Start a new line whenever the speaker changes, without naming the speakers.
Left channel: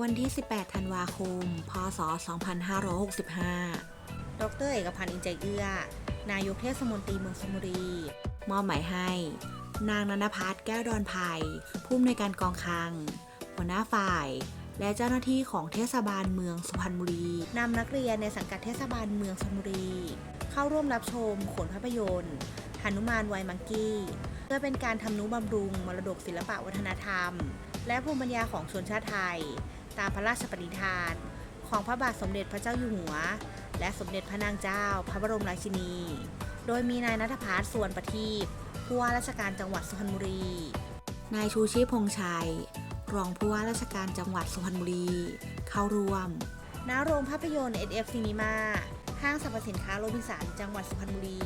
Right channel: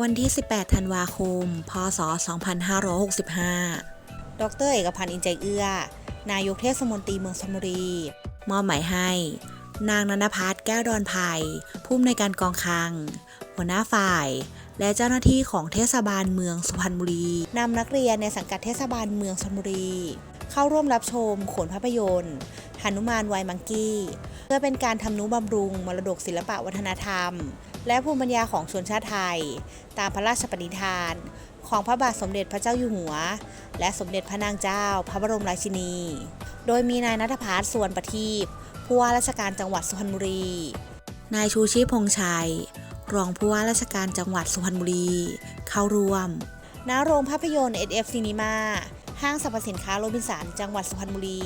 วันที่ 18 ธันวาคม พศ 2565 ดร เอกพันธ์อินใจเอื้อ นายกเทศมนตรีเมืองชลบุรี มอบหมายให้ นางนันพัฒน์แก้วดอนไผ่ผู้อำนวยการกองคลัง หัวหน้าฝ่าย และเจ้าหน้าที่ของเทศบาลเมืองสุพรรณบุรี นำนักเรียนในสังกัดเทศบาลเมืองชลบุรี เข้าร่วมรับชมขนภาพยนตร์หนุมานไวมังกี้ เพื่อเป็นการทำนุบำรุงมรดกศิลปะวัฒนธรรม และภูมิปัญญาของชนชาติไทย ตามพระราชปณิธาน ของพระบาทสมเด็จพระเจ้าอยู่หัว และสมเด็จพระนางเจ้า พระบรมราชินี โดยมีนายนัทพัฒน์ส่วนประทีปผู้ว่าราชการจังหวัดสุพรรณบุรี นายชูชีพพงษ์ชัย รองผู้ว่าราชการจังหวัดสุพรรณบุรี เข้าร่วม ณ โรงภาพยนตร์ SF Cinema ห้างสรรพสินค้าโรบินสันจังหวัดสุพรรณบุรี